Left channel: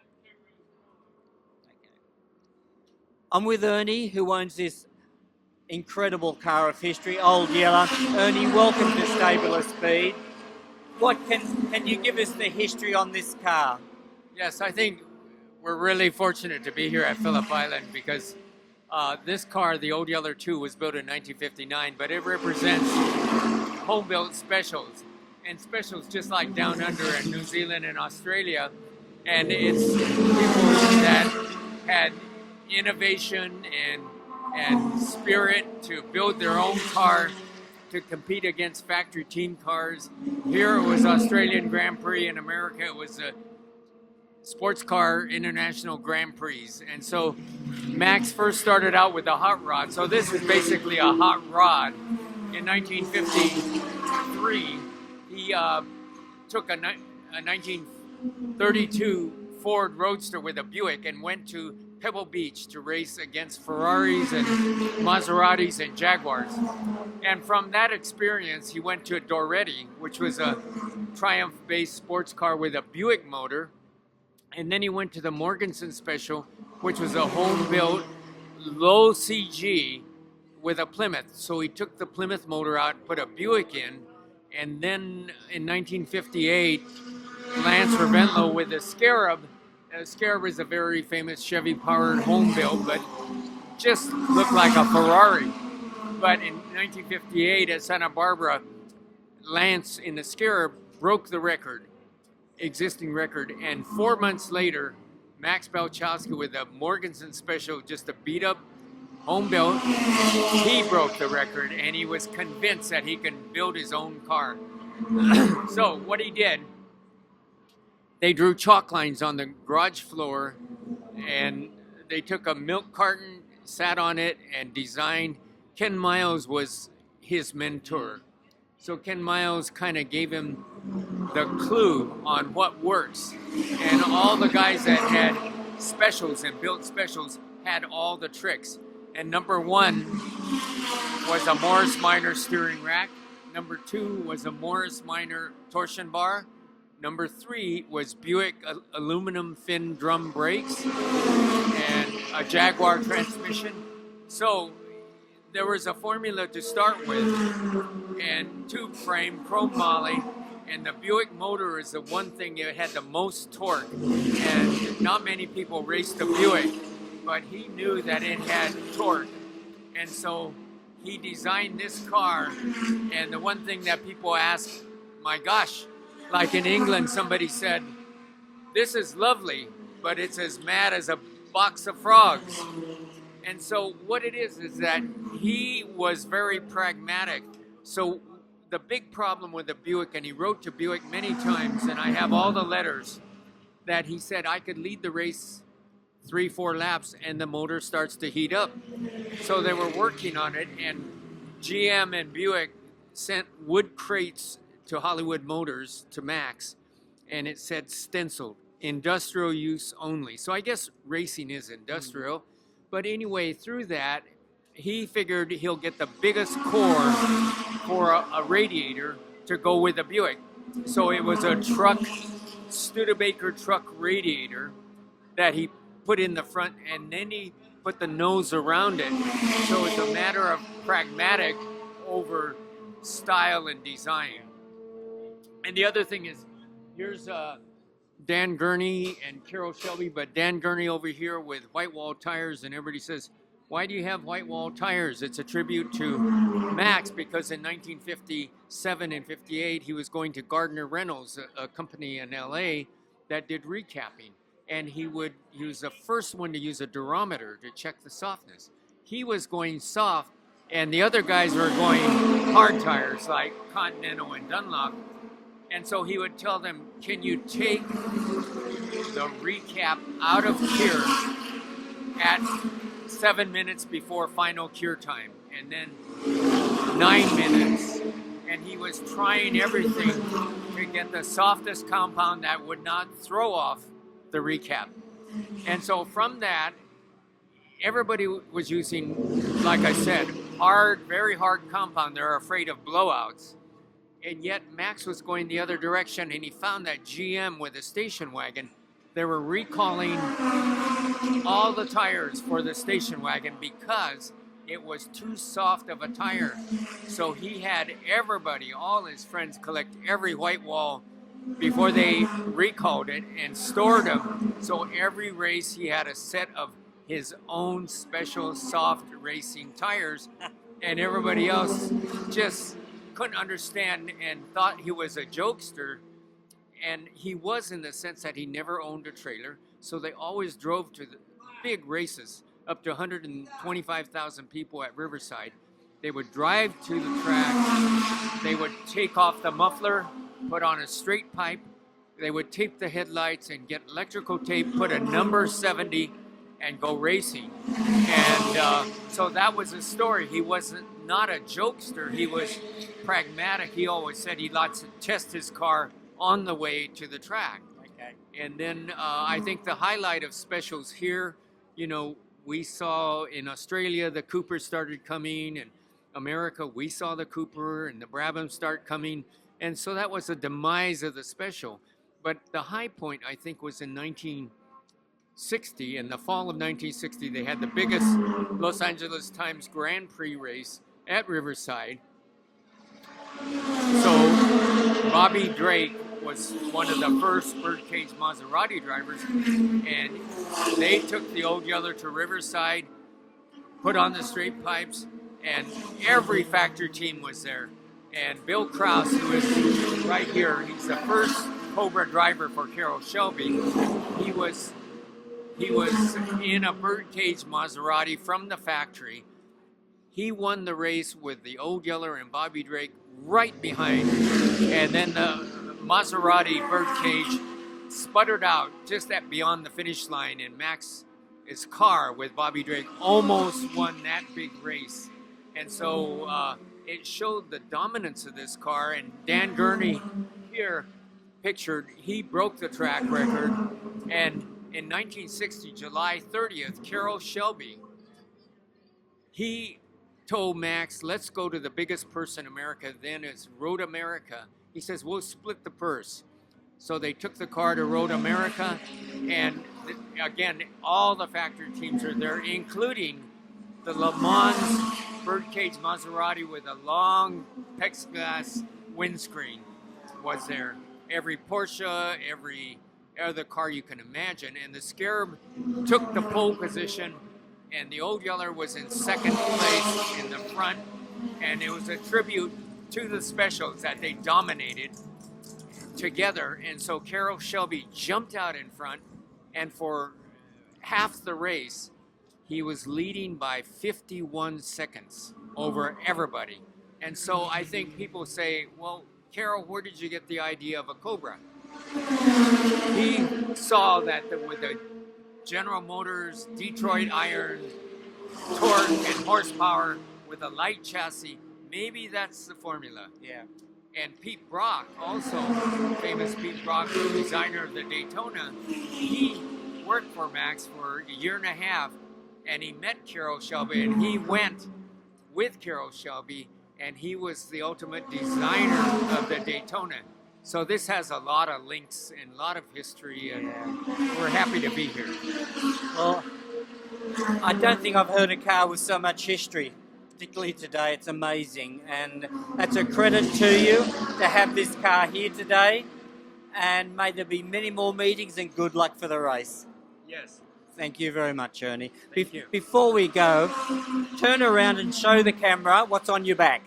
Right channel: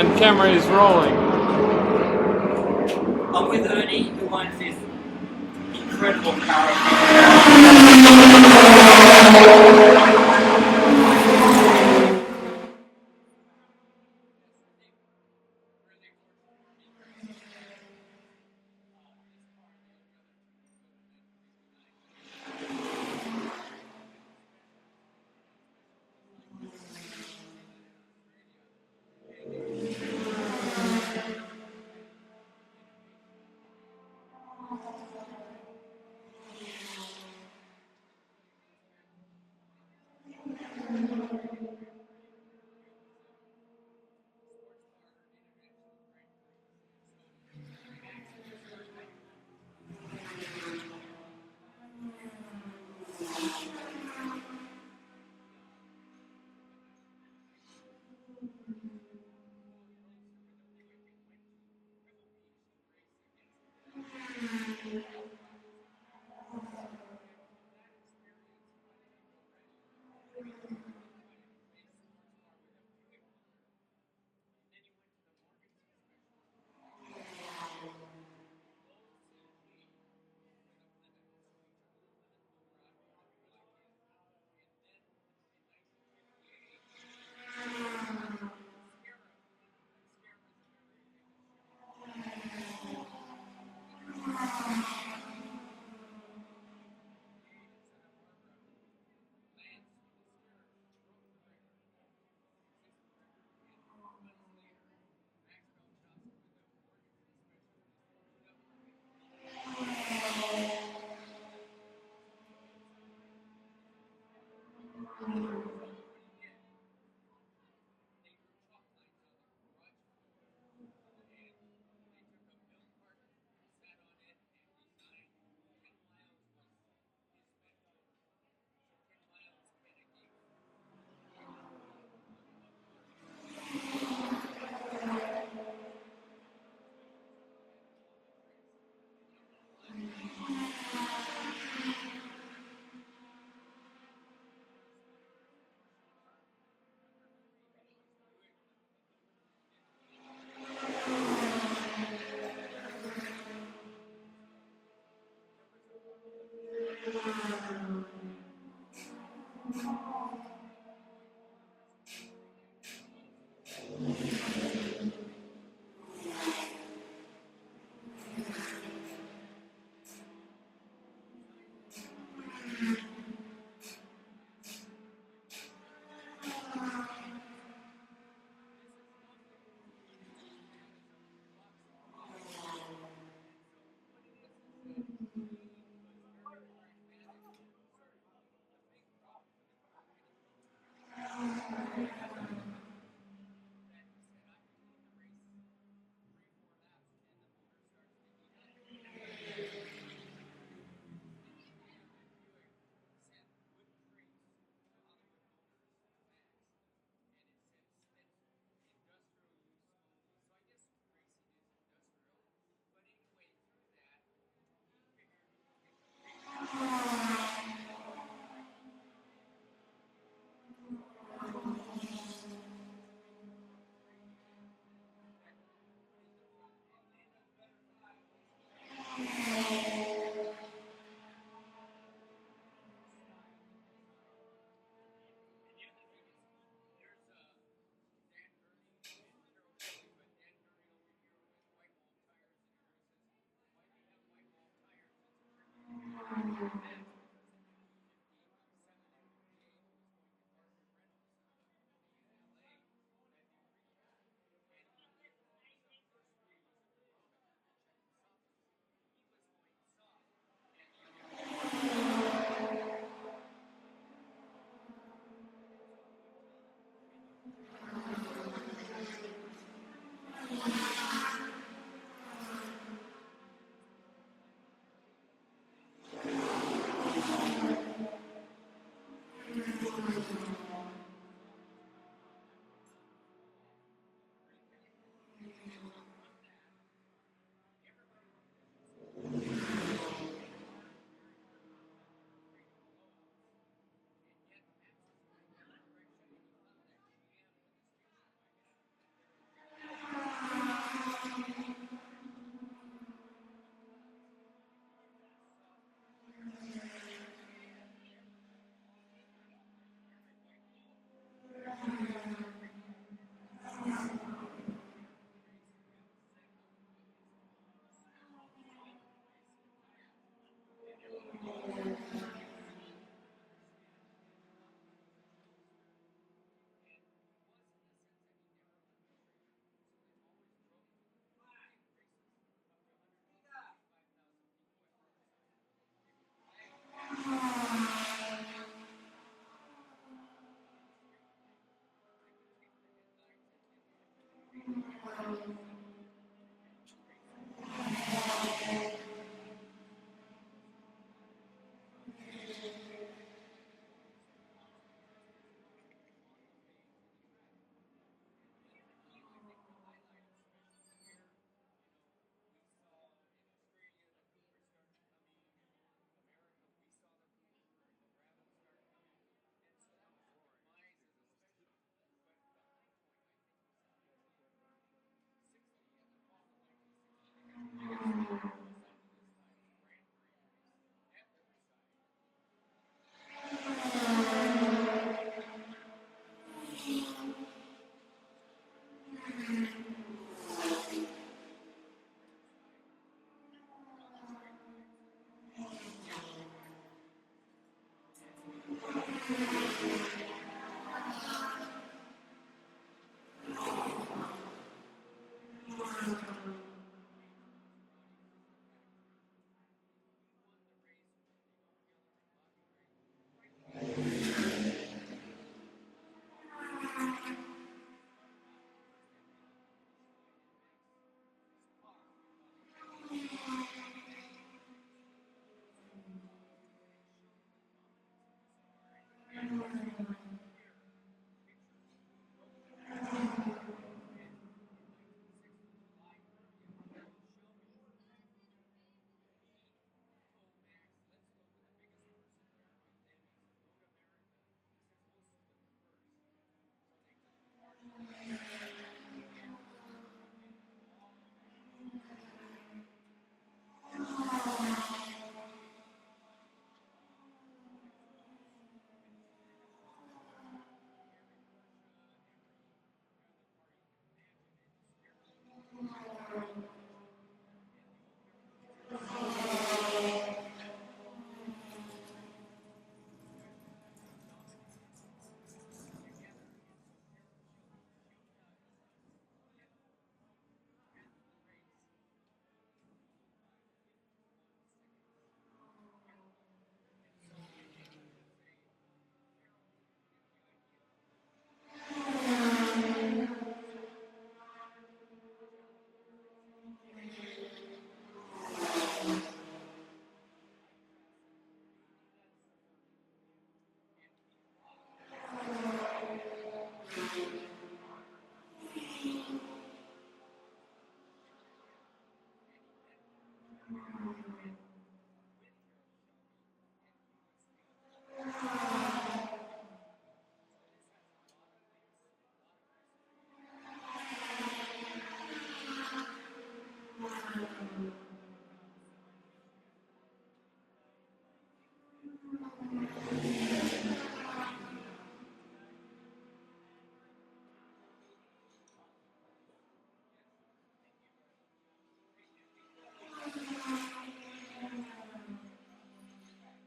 And camera is rolling. I'm with Ernie, who owns this incredible car. Can you give us the history on this car? Yes, I think we're really fortunate to be here at Phillip Island because this car, the Old Yeller 2, was built in 1959, but it represents home-built specials, and specials just like Down Under and New Zealand and Australia. And it's people that had innovation and spirit to build their own car to compete against factory team cars. Here it was Australian Grand Prix. In America it was a sports car international Grand Prix. And so Max first started out with a hot rod. So this is basically a hot rod. In 1953, he took a 1932 Ford Roadster with a Buick and went to Pebble Beach to race against Ferraris and Maseratis and Jaguars. And from that experience, he went to a Doretti, which was a Triumph-based sports car with a Buick motor. And then he went to the Morganson Special, which was a home-built, low CG with a Plymouth. So he took the Plymouth motor out, put a Buick in, and then in 1958, Lance Ravenlo with a Scarab. Scarab is a very famous Chevy-powered home build, but just looked like a Ferrari. But in 1958 at Santa Barbara, Lance in the Scarab broke the record, existing record, and 4 months later, Max Balchowski with a Morganson Special, just a beat-up home built, he broke the record, and he was convinced that he can build his own car. So what he did, they drew chalk lines on the garage floor, and they took a milk carton, sat on it, and designed. Ken Miles was his mentor. So Ken Miles kind of gave him the clue on what works. And all the guys that had specials and built specials had all the tricks. And number one was a Morris Minor steering rack. Number two was a Morris Minor torsion bar. Number three was Buick aluminum fin drum brakes and a Jaguar transmission. So there was a formula to start with, and tube frame, chrome moly, and the Buick motor is the one thing that had the most torque. And not many people raced the Buick, but he knew that it had torque. And so he designed this car, and the one thing that people ask, my gosh, like in England, somebody said, this is lovely, but it's as mad as a box of frogs. And so what it is that he was very pragmatic. So the big problem with the Buick, and he wrote to Buick many times, and I have all the letters, that he said I could lead the race 3-4 laps and the motor starts to heat up. So they were working on it, and GM and Buick sent wood crates to Hollywood Motors, to Max, and it said stenciled, industrial use only. So I guess racing is industrial. But anyway, through that, he figured he'll get the biggest core for a radiator to go with a Buick. So it was a truck, Studebaker truck radiator that he put in the front, and then he put the nose around it. So it's a matter of pragmatic over style and design. And the other thing is, here's Dan Gurney and Carroll Shelby, but Dan Gurney over here with white wall tires, and everybody says, why do you have white wall tires? It's a tribute to Max, because in 1957 and 58, he was going to Gardner Reynolds, a company in LA that did recapping. And he was the first one to use a durometer to check the softness. He was going soft, and the other guys were going hard tires like Continental and Dunlop. And so he would tell them, can you take the recap out of cure at 7 minutes before final cure time, and then 9 minutes. And he was trying everything to get the softest compound that would not throw off the recap. And so from that, everybody was using, like I said, hard, very hard compound. They're afraid of blowouts. And yet Max was going the other direction, and he found that GM with a station wagon they were recalling all the tires for the station wagon because it was too soft of a tire. So he had everybody, all his friends, collect every white wall before they recalled it and stored them. So every race he had a set of his own special soft racing tires, and everybody else just couldn't understand and thought he was a jokester. And he was, in the sense that he never owned a trailer, so they always drove to the big races, up to 125,000 people at Riverside. They would drive to the track, they would take off the muffler, put on a straight pipe, they would tape the headlights and get electrical tape, put a number 70, and go racing. And so that was his story. He wasn't not a jokester, he was pragmatic. He always said he likes to test his car on the way to the track. Okay. And then I think the highlight of specials here, you know, we saw in Australia the Cooper started coming, and America we saw the Cooper and the Brabham start coming, and so that was the demise of the special. But the high point, I think, was in 1960. In the fall of 1960, they had the biggest Los Angeles Times Grand Prix race at Riverside. So Bobby Drake was one of the first Birdcage Maserati drivers, and they took the Old Yeller to Riverside, put on the straight pipes, and every factory team was there. And Bill Krause, who is right here, he's the first Cobra driver for Carroll Shelby. He was in a Birdcage Maserati from the factory. He won the race with the Old Yeller and Bobby Drake right behind, and then the Maserati Birdcage sputtered out just at beyond the finish line, and Max's car with Bobby Drake almost won that big race. And so it showed the dominance of this car. And Dan Gurney here pictured, he broke the track record. And in 1960, July 30th, Carroll Shelby, he told Max, let's go to the biggest purse in America, then it's Road America. He says, we'll split the purse. So they took the car to Road America, and again, all the factory teams are there, including the Le Mans Birdcage Maserati with a long plexiglass windscreen was there. Every Porsche, every other car you can imagine. And the Scarab took the pole position, and the Old Yeller was in second place in the front. And it was a tribute to the specials that they dominated together. And so Carroll Shelby jumped out in front, and for half the race, he was leading by 51 seconds over everybody. And so I think people say, well, Carroll, where did you get the idea of a Cobra? He saw that with the General Motors Detroit Iron torque and horsepower with a light chassis, maybe that's the formula. Yeah. And Pete Brock, also famous Pete Brock, the designer of the Daytona, he worked for Max for a year and a half, and he met Carroll Shelby, and he went with Carroll Shelby, and he was the ultimate designer of the Daytona. So this has a lot of links and a lot of history, and we're happy to be here. Well, I don't think I've heard a car with so much history, particularly today. It's amazing, and that's a credit to you to have this car here today, and may there be many more meetings, and good luck for the race. Yes. Thank you very much, Ernie. Thank you. Before we go, turn around and show the camera what's on your back.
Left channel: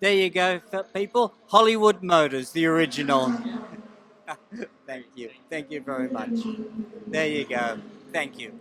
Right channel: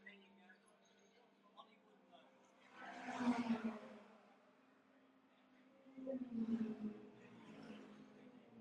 There you go, people. Hollywood Motors, the original. Thank you. Thank you very much. There you go. Thank you.